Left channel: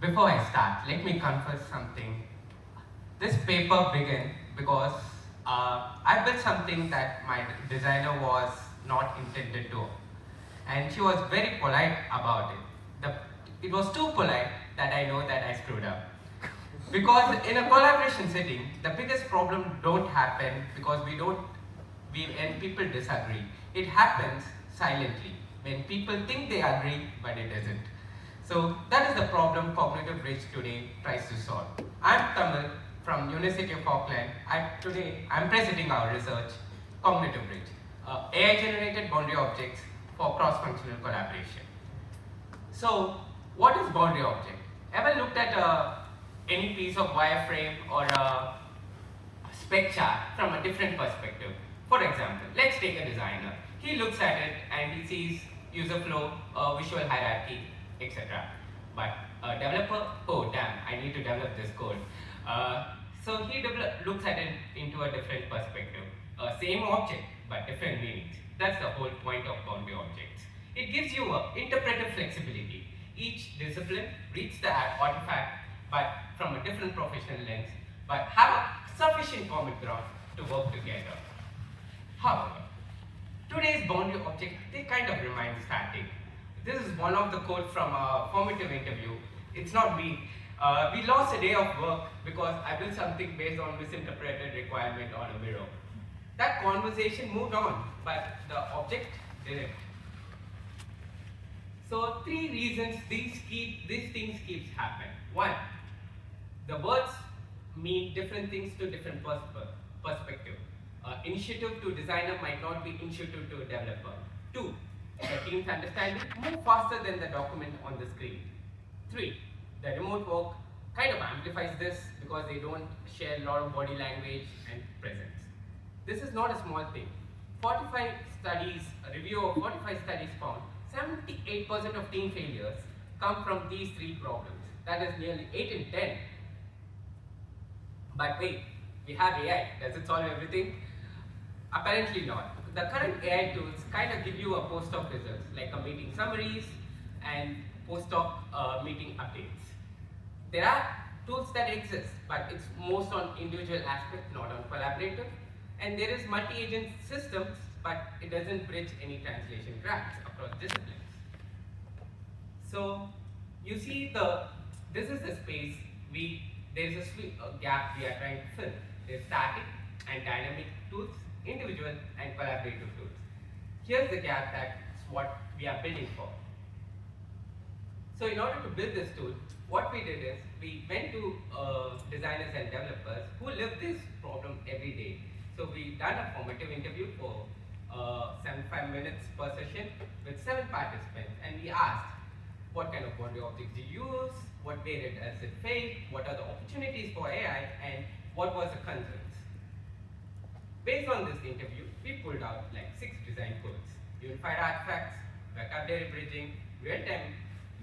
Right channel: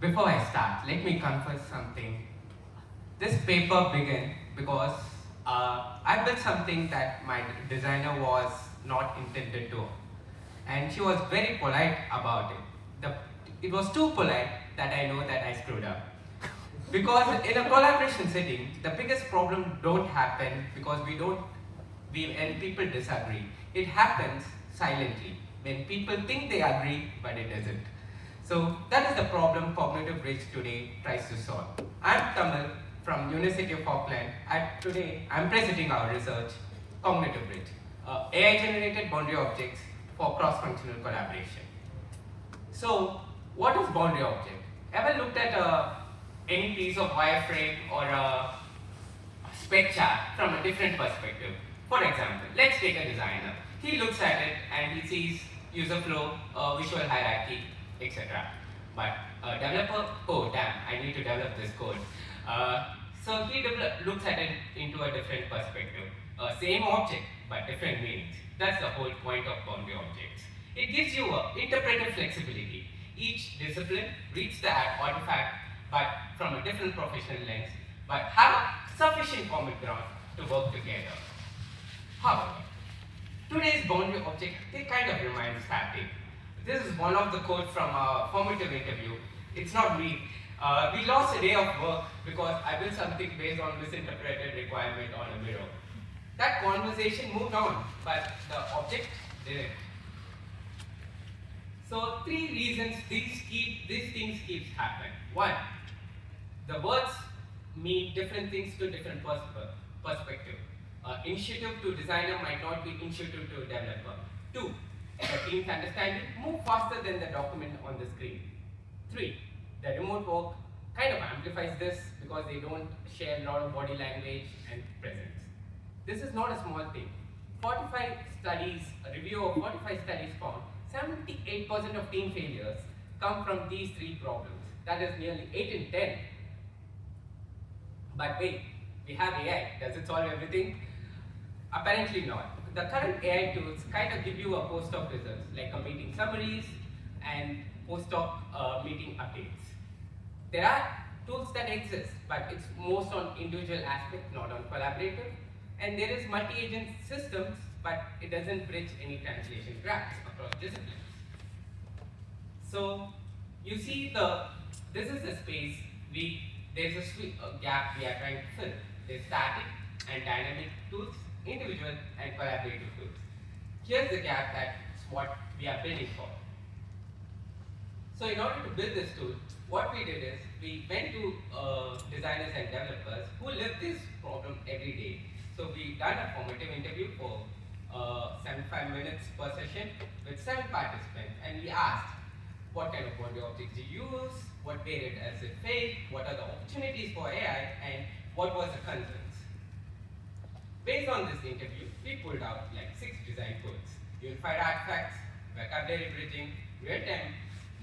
Before I start, let me confess something. This paper began because I built something that my designer was not intended to, and she was very polite about it. It was too polite that I know that I screwed up. Because in a collaboration setting, the biggest problem don't happen because we and people disagree. It happens silently when people think they agree, but it isn't. So that is the problem Cognitive Bridge today tries to solve. I'm Kamal from University of Auckland. Today I'm presenting our research, Cognitive Bridge, AI-generated boundary objects for cross-functional collaboration. So, what is boundary object? Ever looked at any piece of wireframe or a spec chart from a different perspective? For example, let's take a designer. He looks at it and he sees user flow, visual hierarchy, etc. But a developer, oh damn, I need to develop this code. So he looks at it into a different perspective. Same object, but different meanings. That's the whole point of boundary objects. It gives you interpretive flexibility. Each discipline reads the artifact, but from a different professional lens, but have a sufficient common ground to work together. However, today's boundary object, they kind of remain static. This is one of the quotes from a formative interview. It's not me. We lost a day of work because I built something based on misinterpreted requirement on a mirror. That conversation moved on, but the object didn't. So three reasons these things keeps happening. One, the words mean different things to different perspective. Initiative to designer might not be initiative to developer. Two, the teams understand it move faster than the document on the screen. Three, the remote work kind of amplifies this because they don't share a lot of body language and presence. This is not a small thing. 45 studies, a review of 45 studies found 78% of team failures come from these three problems. That is nearly 8 in 10. But wait, we have AI. Does it solve everything? Apparently not. The current AI tools kind of give you a post-hoc results, like a meeting summaries and post-hoc meeting updates. There are tools that exist, but it's most on individual aspect, not on collaborative. And there is multi-agent systems, but it doesn't bridge any translation gaps across disciplines. So you see this is the space there's a gap we are trying to fill. There's static and dynamic tools, individual and collaborative tools. Here's the gap that's what we are building for. So in order to build this tool, what we did is we went to designers and developers who live this problem every day. So we done a formative interview for 75 minutes per session with 7 participants, and we asked what kind of boundary objects you use, what data does it fail, what are the opportunities for AI, and what was the concerns. Based on this interview, we pulled out like 6 design codes: unified artifacts, backup data bridging, real-time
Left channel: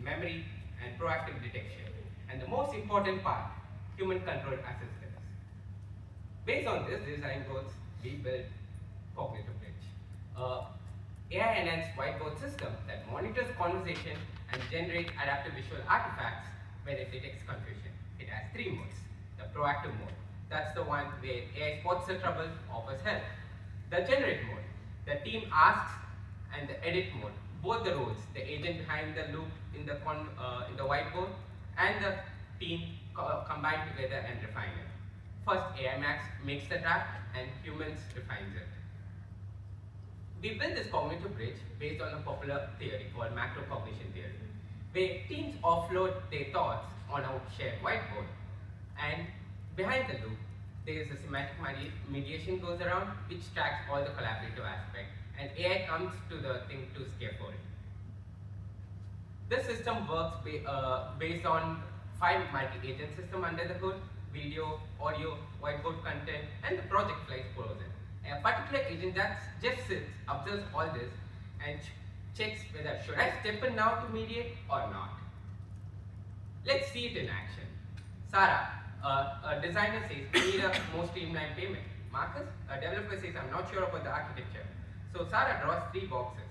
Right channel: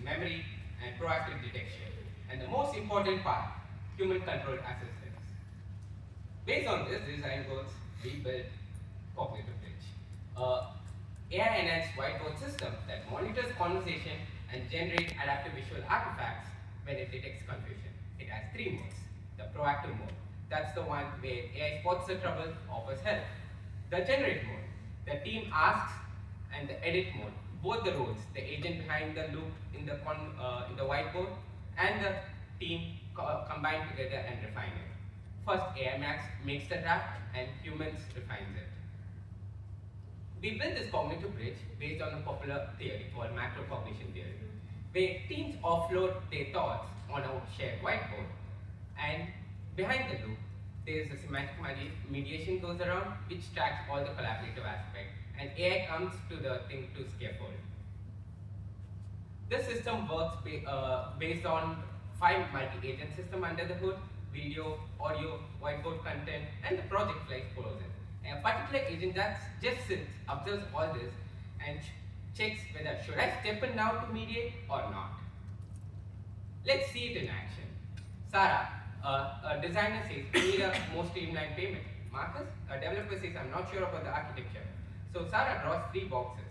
memory, and proactive detection. And the most important part, human-controlled assistance. Based on this design goals, we built Cognitive Bridge, AI-enhanced whiteboard system that monitors conversation and generates adaptive visual artifacts when it detects confusion. It has 3 modes. The proactive mode, that's the one where AI spots the trouble, offers help. The generate mode, the team asks, and the edit mode, both the roles, the agent behind the loop in the whiteboard and the team combine together and refine it. First, AI makes the draft and humans refines it. We built this cognitive bridge based on a popular theory called macro cognition theory, where teams offload their thoughts on a shared whiteboard, and behind the loop, there is a semantic mediation goes around which tracks all the collaborative aspects, and AI comes to the thing to scaffold. This system works based on 5 multi-agent system under the hood: video, audio, whiteboard content, and the project flies frozen. A particular agent that just sits, observes all this, and checks whether should I step in now to mediate or not. Let's see it in action. Sarah, a designer says, we need a more streamlined payment. Marcus, a developer says, I'm not sure about the architecture. So Sarah draws 3 boxes.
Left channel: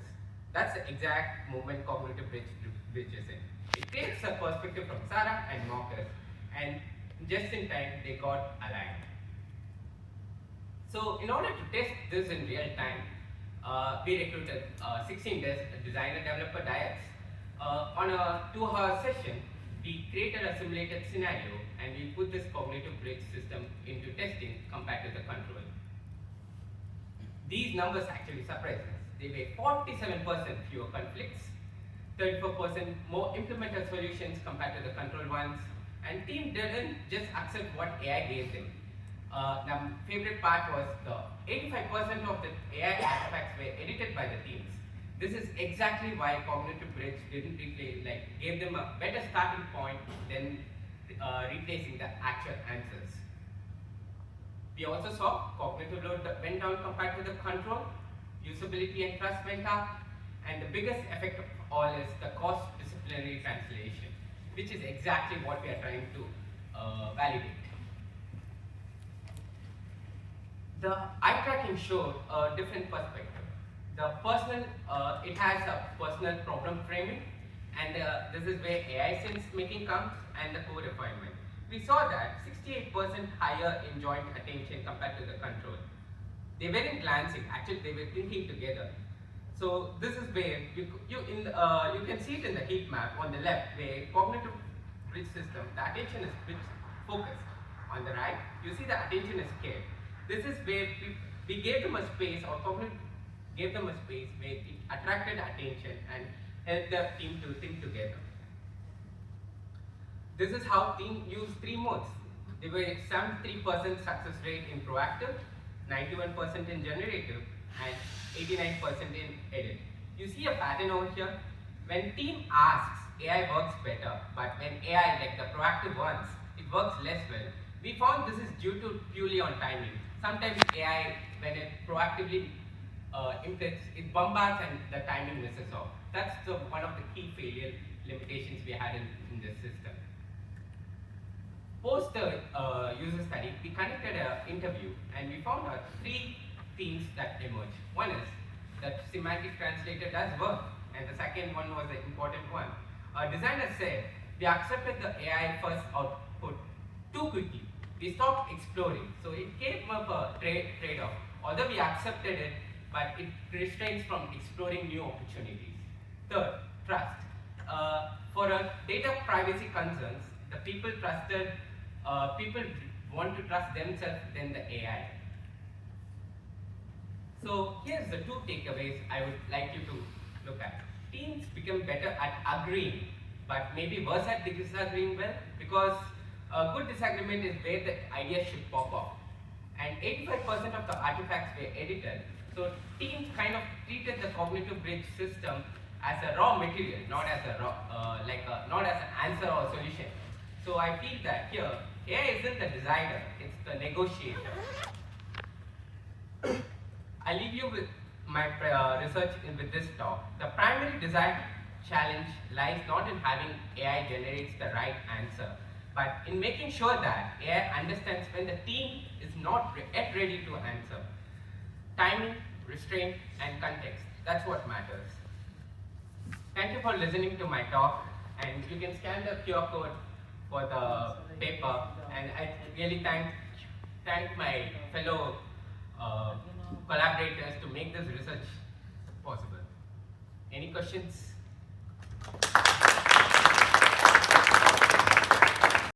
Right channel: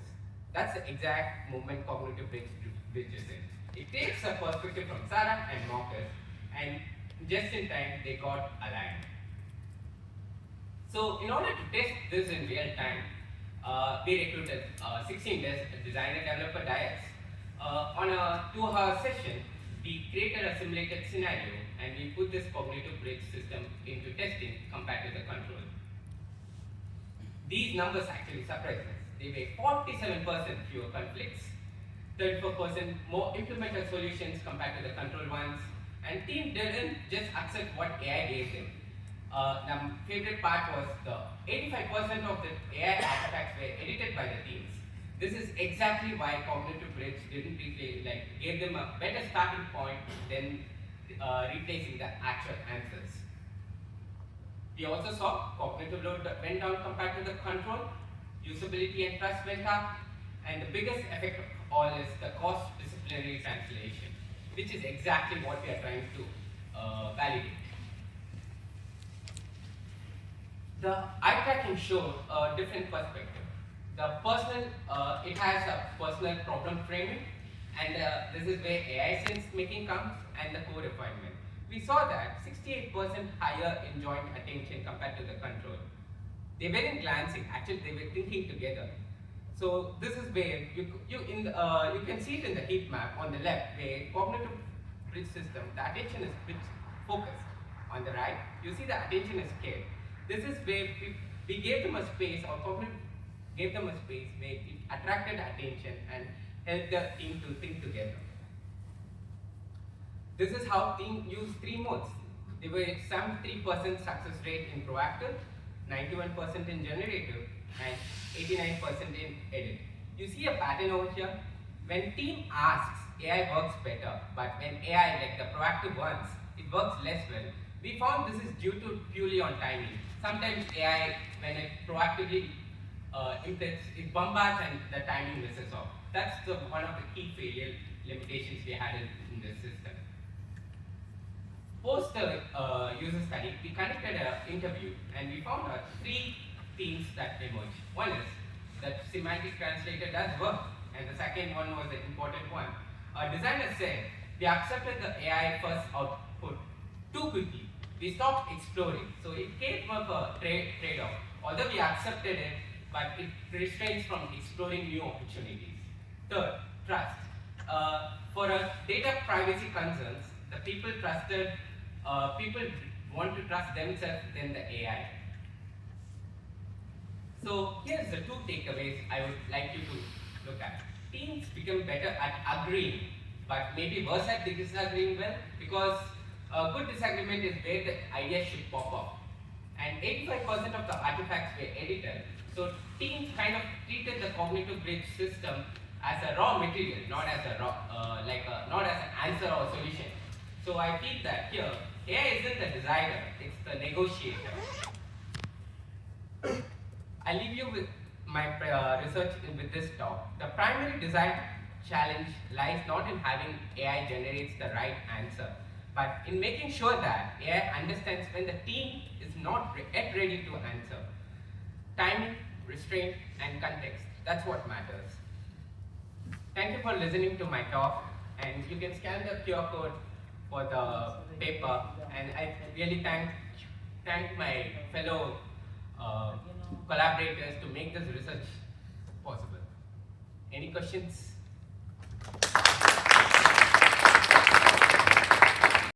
That's the exact movement cognitive bridge is in. It takes a perspective from Sarah and Marcus, and just in time they got aligned. So in order to test this in real time, we recruited 16 designer developer diets. On a 2-hour session, we created a simulated scenario and we put this cognitive bridge system into testing compared to the control. These numbers actually surprised us. They were 47% fewer conflicts, 34% more implemented solutions compared to the control ones, and team didn't just accept what AI gave them. The favorite part was the 85% of the AI artifacts were edited by the teams. This is exactly why Cognitive Bridge didn't gave them a better starting point than replacing the actual answers. We also saw cognitive load went down compared to the control, usability and trust went up, and the biggest effect of all is the cost disciplinary translation, which is exactly what we are trying to validate. The eye tracking showed a different perspective. The personal, it has a personal problem framing, and this is where AI sense making comes, and the co-refinement. We saw that 68% higher in joint attention compared to the control. They weren't glancing, actually they were thinking together. So this is where you can see it in the heat map on the left, where cognitive bridge system, the attention is bit focused. On the right, you see the attention is scared. This is where we gave them a space, or cognitive gave them a space where it attracted attention and helped the team to think together. This is how team used 3 modes. There were 73% success rate in proactive, 91% in generative, and 89% in edit. You see a pattern over here. When team asks, AI works better, but when AI, like the proactive ones, it works less well. We found this is due to purely on timing. Sometimes AI, when it proactively it bombards and the timing misses off. That's one of the key failure limitations we had in this system. Post the user study, we conducted an interview and we found 3 themes that emerged. One is that semantic translator does work, and the second one was the important one. A designer said, we accepted the AI first output too quickly. We stopped exploring. So it came up a trade-off. Although we accepted it, but it restrains from exploring new opportunities. Third, trust. For data privacy concerns, the people want to trust themselves than the AI. So here's the 2 takeaways I would like you to look at. Teams become better at agreeing, but maybe worse at disagreeing well, because a good disagreement is where the ideas should pop up. And 85% of the artifacts were edited, so teams kind of treated the cognitive bridge system as a raw material, not as a not as an answer or solution. So I feel that here, AI isn't the designer, it's the negotiator. I leave you with my research with this talk. The primary design challenge lies not in having AI generates the right answer, but in making sure that AI understands when the team is not yet ready to answer. Timing, restraint, and context, that's what matters. Thank you for listening to my talk, and you can scan the QR code for the paper, and I really thank my fellow collaborators to make this research possible. Any questions?